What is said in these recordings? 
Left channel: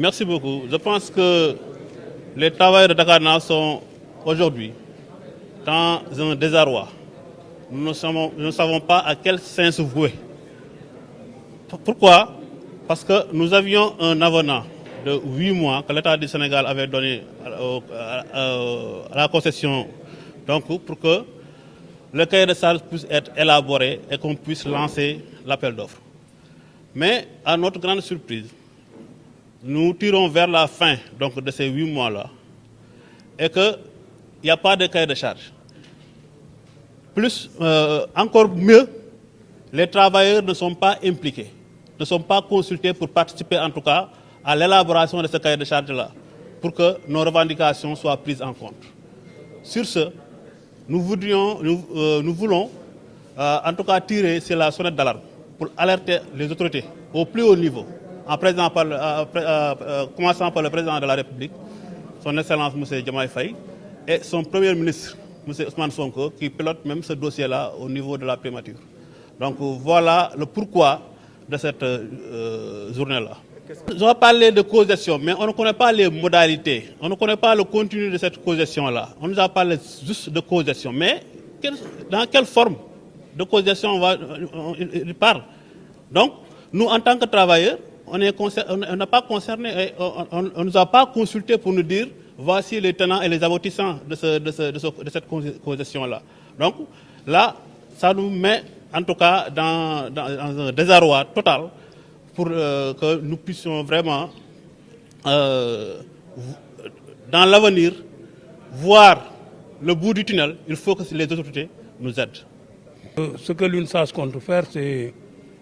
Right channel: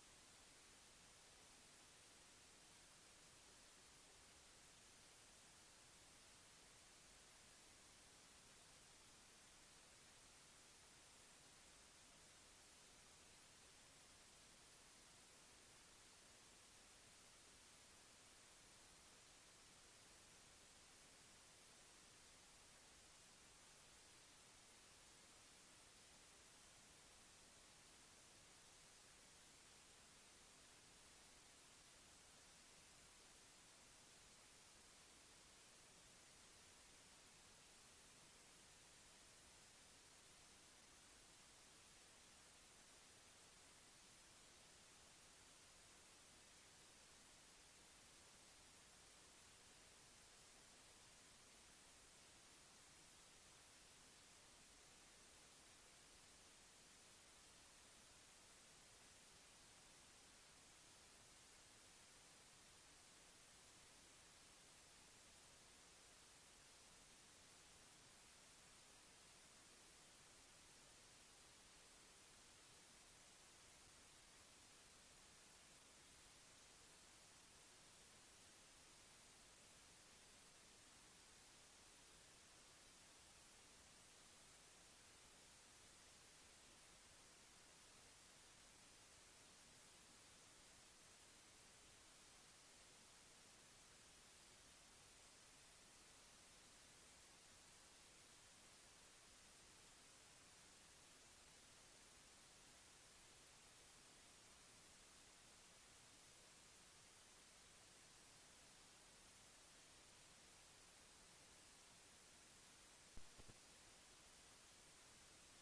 Merci beaucoup. Je pense que les travailleurs de Dakarna sont aujourd'hui dans un désarroi. Nous ne savons pas à quel sein se vouer. Pourquoi? Parce que nous avions un avenant de 8 mois que l'État du Sénégal avait donné à la concession, donc pour que le cahier de charges puisse être élaboré et qu'on puisse lancer l'appel d'offres. Mais à notre grande surprise, nous tirons vers la fin donc, de ces 8 mois-là et qu'il n'y a pas de cahier de charge. Plus, encore mieux, les travailleurs ne sont pas impliqués, ne sont pas consultés pour participer en tout cas à l'élaboration de ce cahier de charge-là, pour que nos revendications soient prises en compte. Sur ce, nous voulons en tout cas tirer sur la sonnette d'alarme pour alerter les autorités au plus haut niveau, commençant par le président de la République, son Excellence M. Diomaye Faye, et son Premier ministre, M. Ousmane Sonko, qui pilote même ce dossier-là au niveau de la primature. Donc voilà le pourquoi de cette journée-là. On va parler de causation, mais on ne connaît pas les modalités, on ne connaît pas le contenu de cette causation-là. On nous a parlé juste de causation, mais dans quelle forme de causation il parle? Donc, nous, en tant que travailleurs, on n'a pas concerné, on ne nous a pas consulté pour nous dire voici les tenants et les aboutissants de cette causation-là. Donc, là, ça nous met en tout cas dans un désarroi total pour que nous puissions vraiment, dans l'avenir, voir le bout du tunnel. Il faut que les autorités nous aident. Ce que l'UNSAS compte faire, c'est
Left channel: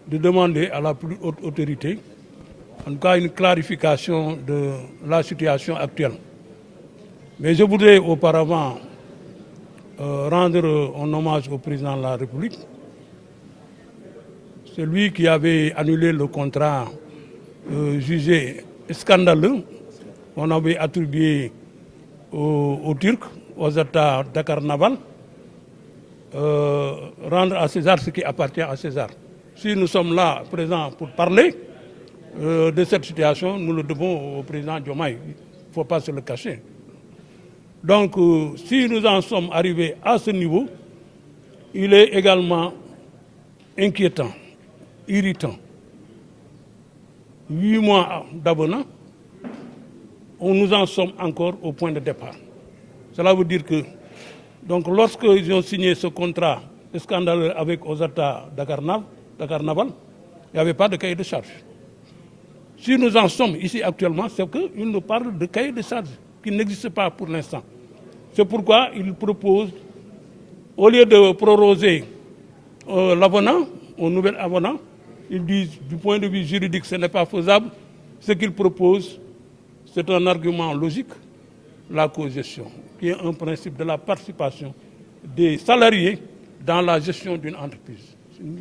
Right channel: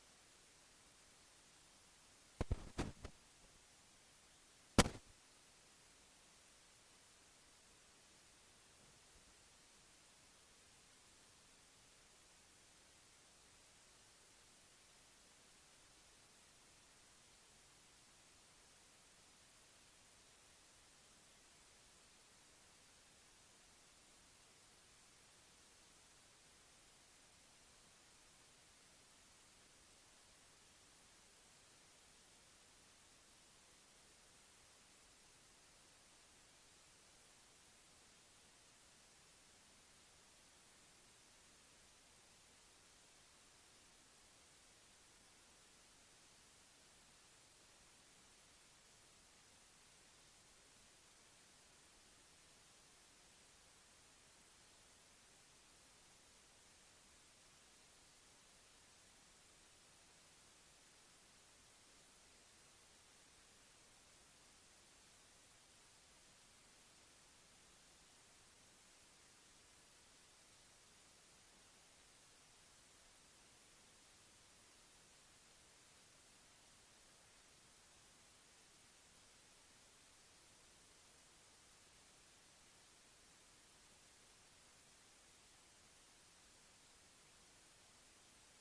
de demander à la plus haute autorité, en tout cas une clarification de la situation actuelle. Mais je voudrais auparavant rendre un hommage au président de la République. C'est lui qui avait annulé le contrat jugé scandaleux qu'on avait attribué aux Turcs, aux États Dakar Naval, rendre à César ce qui appartient à César. Si nous sommes là présents pour parler de cette situation, nous le devons au président Diomaye. Il ne faut pas se le cacher. Donc, si nous en sommes arrivés à ce niveau, il est également inquiétant, irritant. 8 mois d'abonnement, nous en sommes encore au point de départ. Cela veut dire que, donc, lorsqu'ils ont signé ce contrat scandaleux avec Osata Dakar Naval, il n'y avait pas de cahier de charge. Si nous en sommes ici actuellement, c'est qu'ils nous parlent de cahier de charge qui n'existe pas pour l'instant. C'est pourquoi ils proposent, au lieu de proroger l'avenant, au nouvel avenant, ils disent du point de vue juridique ce n'est pas faisable. Ce qu'ils proposent, c'est un argument logique, la cogestion, qui est un principe de la participation des salariés dans la gestion d'une entreprise.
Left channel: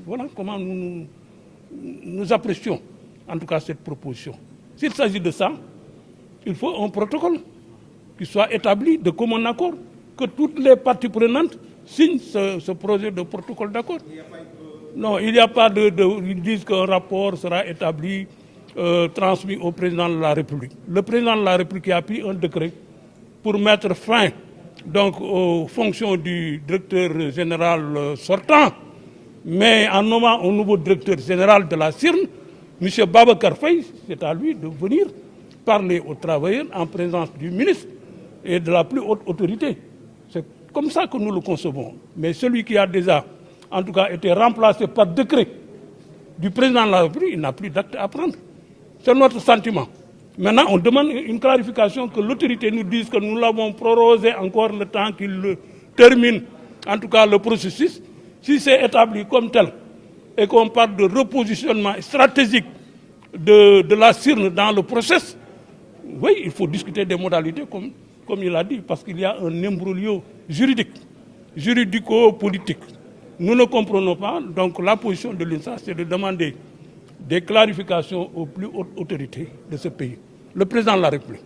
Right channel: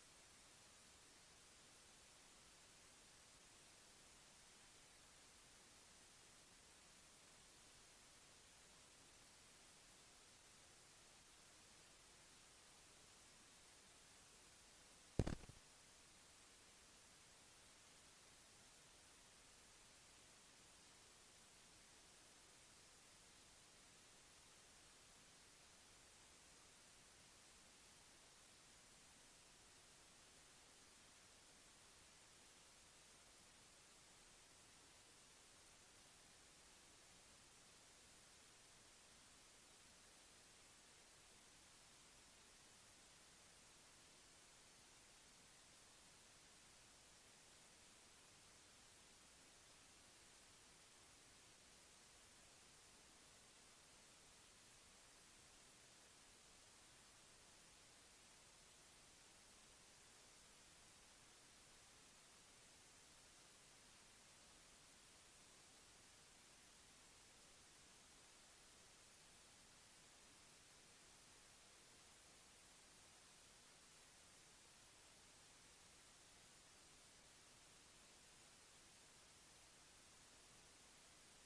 Voilà comment nous apprécions en tout cas cette proposition. S'il s'agit de ça, il faut un protocole qui soit établi de commun accord, que toutes les parties prenantes signent ce projet de protocole d'accord. Non, il n'y a pas ils disent qu'un rapport sera établi, transmis au président de la République. Le président de la République a pris un décret pour mettre fin donc, aux fonctions du directeur général sortant, mais en nommant un nouveau directeur général de la CIRN, M. Babacar Faye, c'est à lui de venir parler aux travailleurs en présence du ministre et de la plus haute autorité. C'est comme ça que nous le concevons. Mais celui qui a déjà, en tout cas, été remplacé par décret du président de la République, il n'a plus d'acte à prendre. C'est notre sentiment. Maintenant, on demande une clarification, que l'autorité nous dise que nous l'avons prorogé encore le temps qu'il termine, en tout cas le processus. Si c'est établi comme tel et qu'on parle de repositionnement stratégique de la CIRN dans le process, oui, il faut discuter des modalités comme il a dit, parce qu'il y a un imbroglio juridique, juridico-politique. Nous ne comprenons pas, donc la position de l'INSA, c'est de demander des clarifications aux plus hautes autorités de ce pays. Le président de la République.